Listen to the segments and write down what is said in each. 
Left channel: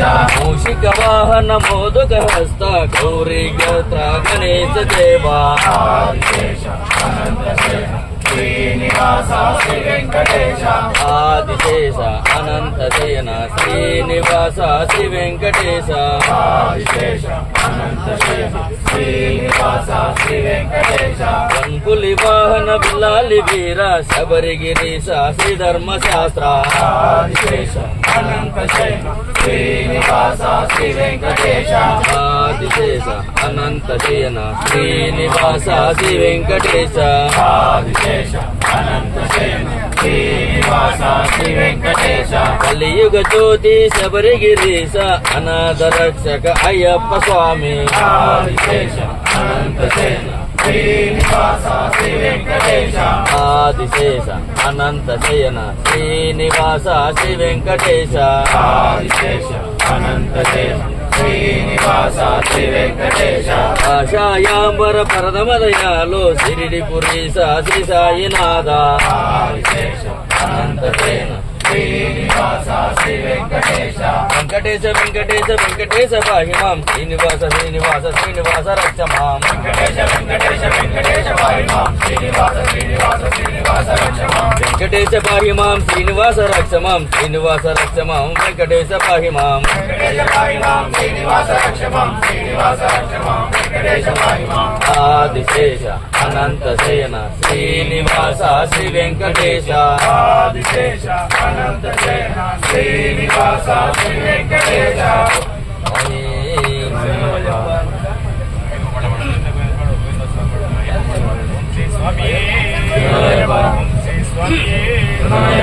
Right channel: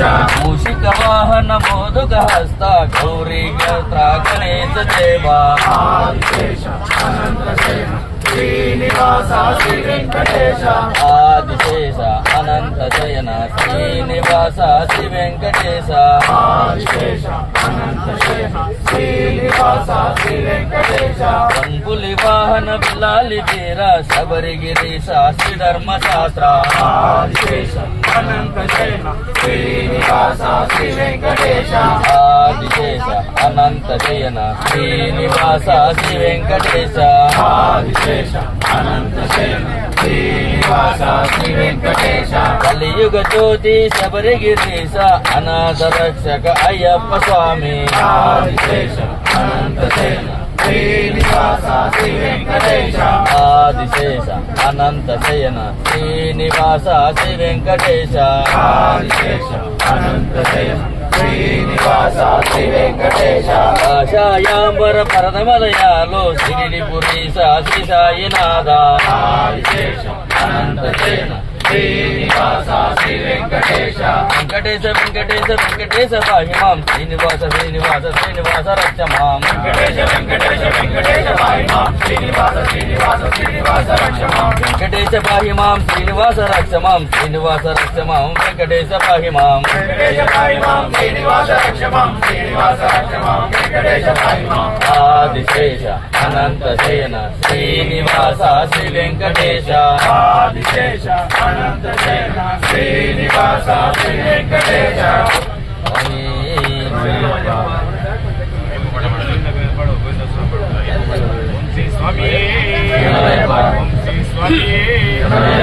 मूषिक वाहन मोदक हस्त गौरी गत्र गणेश देवा श्रीनिवास श्री वेंकटेश आदिशेष अनंत शयन श्रीनिवास श्री वेंकटेश आदिशेष अनंत शयन श्रीनिवास श्री वेंकटेश रंगुली वाहन बिलाली वीर शबरिगिरीश श्री धर्मशास्त्र आदिशेष अनंत शयन श्रीनिवास श्री वेंकटेश आदिशेष अनंत शयन श्रीनिवास श्री वेंकटेश आदिशेष अनंत शयन श्रीनिवास श्री वेंकटेश कलियुग ज्योति शबरिगिरीश अनाथ रक्षक अय्यप्प स्वामी आदिशेष अनंत शयन श्रीनिवास श्री वेंकटेश आदिशेष अनंत शयन श्रीनिवास श्री वेंकटेश आदिशेष अनंत शयन श्रीनिवास श्री वेंकटेश आशायांबर परदमदयालो शिरिडिपुरीश श्री साईनाथ आदिशेष अनंत शयन श्रीनिवास श्री वेंकटेश वेंकटेश वेंकटेश वेंकटेश पाहि मां श्रीनिवास श्रीनिवास श्रीनिवास रक्ष मां वेंकटेश वेंकटेश वेंकटेश पाहि मां श्रीनिवास श्रीनिवास श्रीनिवास रक्ष मां वेंकटेश पाहि मां श्रीनिवास रक्ष मां श्रीनिवास रक्ष मां वेंकटेश पाहि मां वेंकटेश पाहि मां श्रीनिवास रक्ष मां श्रीनिवास रक्ष मां वेंकटेश पाहि मां आदिशेष अनंत शयन श्रीनिवास श्री वेंकटेश आदिशेष अनंत शयन श्रीनिवास श्री वेंकटेश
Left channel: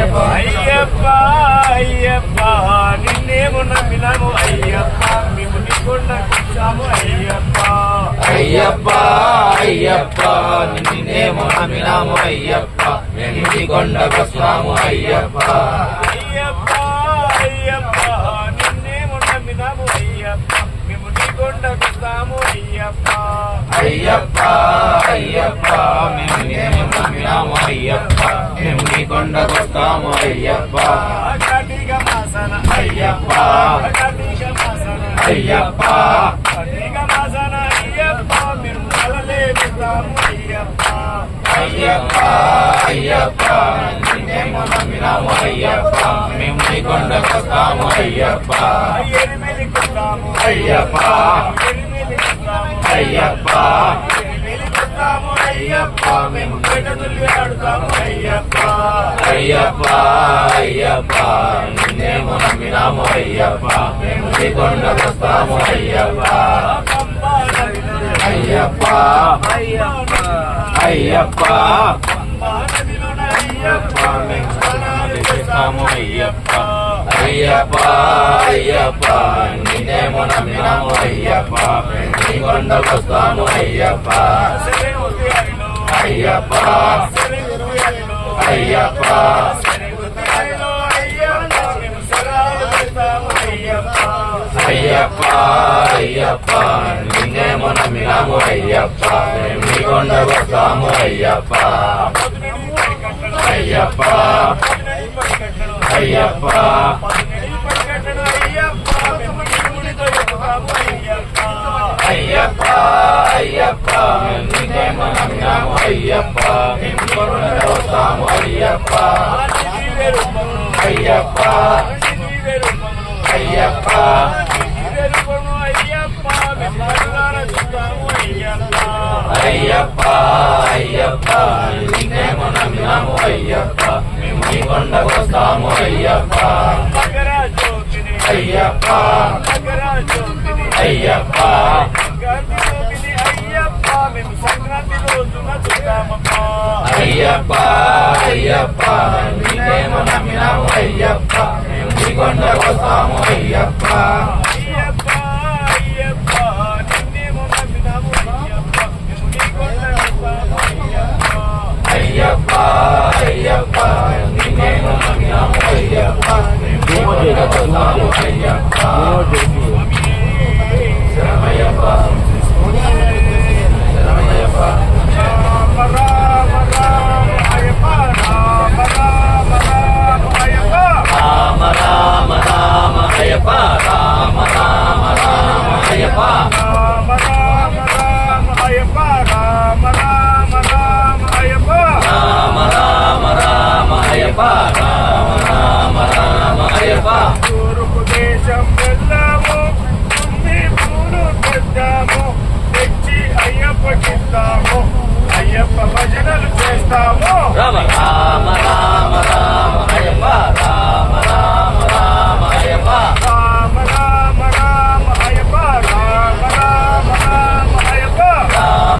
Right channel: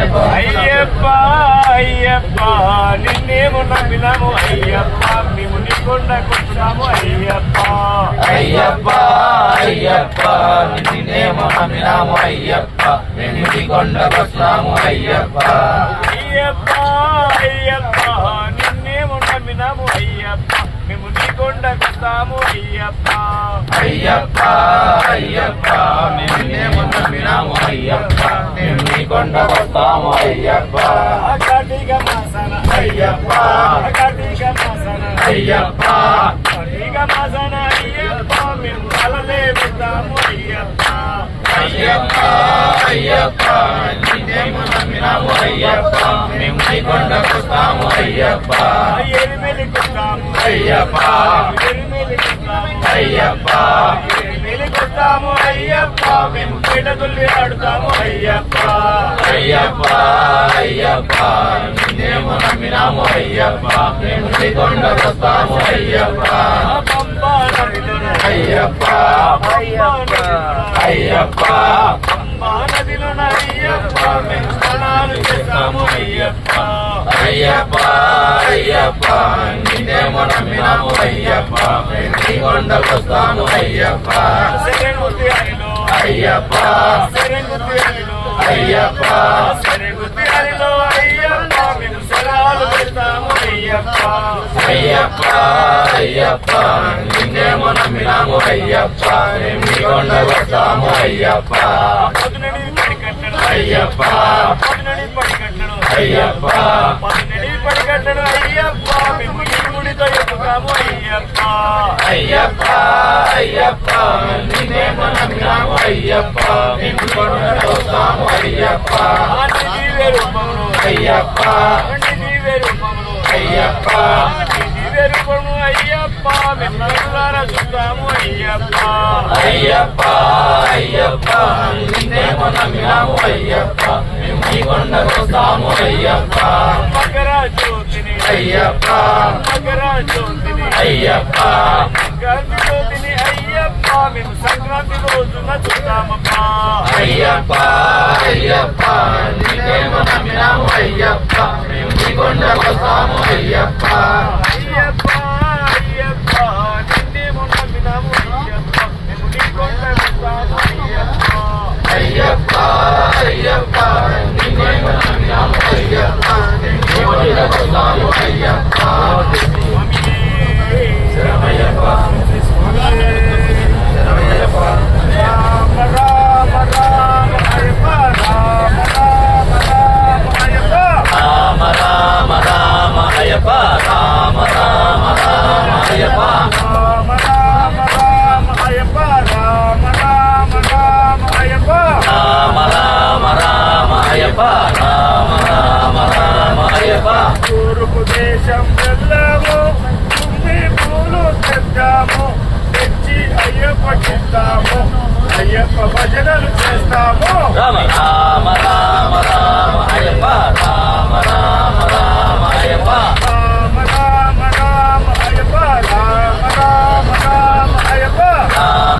అయ్యప్ప అయ్యప్ప నిన్నేమో నమ్మినాము అయ్యప్ప మేము నీ కొండకొచ్చాము అయ్యప్ప అయ్యప్ప అయ్యప్ప నిన్నేమో నమ్మినాము అయ్యప్ప మేము నీ కొండకొచ్చాము అయ్యప్ప అయ్యప్ప అయ్యప్ప నిన్నేమో నమ్మినాము అయ్యప్ప మేము నీ కొండకొచ్చాము అయ్యప్ప అయ్యప్ప అయ్యప్ప నిన్నేమో నమ్మినాము అయ్యప్ప మేము నీ కొండకొచ్చాము అయ్యప్ప కార్తీక మాసన అయ్యప్ప కార్తీక మాసన అయ్యప్ప కార్తీక మాసన అయ్యప్ప మేము కలలే వెళ్తాము అయ్యప్ప అయ్యప్ప అయ్యప్ప నిన్నేమో నమ్మినాము అయ్యప్ప మేము నీ కొండకొస్తాము అయ్యప్ప ఎరిమెలికొస్తాము అయ్యప్ప ఎరిమెలికొస్తాము అయ్యప్ప ఎరిమెలికొస్తాము అయ్యప్ప మేము పేటతుల్లి ఆడుతాము అయ్యప్ప అయ్యప్ప అయ్యప్ప నిన్నేమో నమ్మినాము అయ్యప్ప మేము నీ కొండకొస్తాము అయ్యప్ప అయ్యప్ప అయ్యప్ప అయ్యప్ప అయ్యప్ప మేము స్నానాలు చేస్తాము అయ్యప్ప అయ్యప్ప అయ్యప్ప నిన్నేమో నమ్మినాము అయ్యప్ప మేము నీ కొండకొస్తాము అయ్యప్ప అయ్యప్ప అయ్యప్ప అయ్యప్ప అయ్యప్ప నిన్నేమో నమ్మినాము అయ్యప్ప మేము నీ కొండకొస్తాము అయ్యప్ప అయ్యప్ప అయ్యప్ప అయ్యప్ప అయ్యప్ప నిన్నేమో నమ్మినాము అయ్యప్ప మేము నీ కొండకొస్తాము అయ్యప్ప అయ్యప్ప అయ్యప్ప అయ్యప్ప అయ్యప్ప అయ్యప్ప నిన్నేమో నమ్మినాము అయ్యప్ప మేము నీ కొండకొస్తాము అయ్యప్ప అయ్యప్ప అయ్యప్ప అయ్యప్ప మేము సంక్రాంతి రోజున చూద్దామప్ప అయ్యప్ప అయ్యప్ప నిన్నేమో నమ్మినాము అయ్యప్ప మేము నీ కొండకొస్తాము అయ్యప్ప అయ్యప్ప అయ్యప్ప నిన్నేమో నమ్మినాము అయ్యప్ప మేము నీ కొండకొస్తాము అయ్యప్ప అయ్యప్ప అయ్యప్ప నిన్నేమో నమ్మినాము అయ్యప్ప మేము నీ కొండకొస్తాము అయ్యప్ప శరణమయ్యప్ప శరణమయ్యప్ప రామ రామ రామ అయ్యప్ప రామ రామ రామ అయ్యప్ప రామ రామ రామ అయ్యప్ప చేస్తాము అయ్యప్ప భజనలు చేస్తాము రామ రామ రామ